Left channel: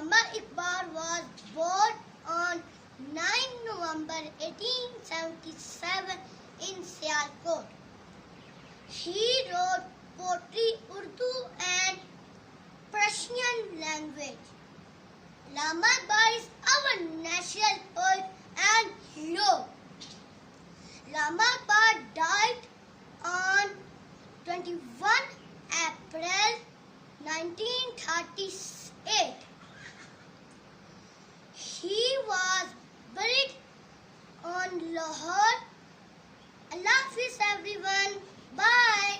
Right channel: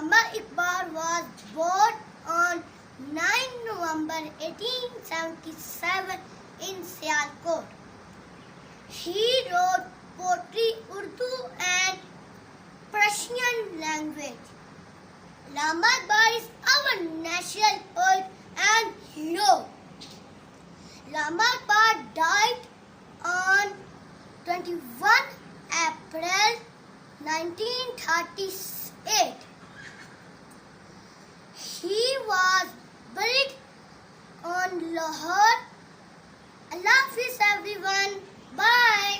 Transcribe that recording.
Allama Iqbal was born on 9 November 1877 in Sialkot. He wrote poetry, Urdu and Persian language. Allama Iqbal is our national poet and hero. Allama Iqbal died on 21 April 1938. He was buried on Lahore. Allah Hafiz everyone. Bye.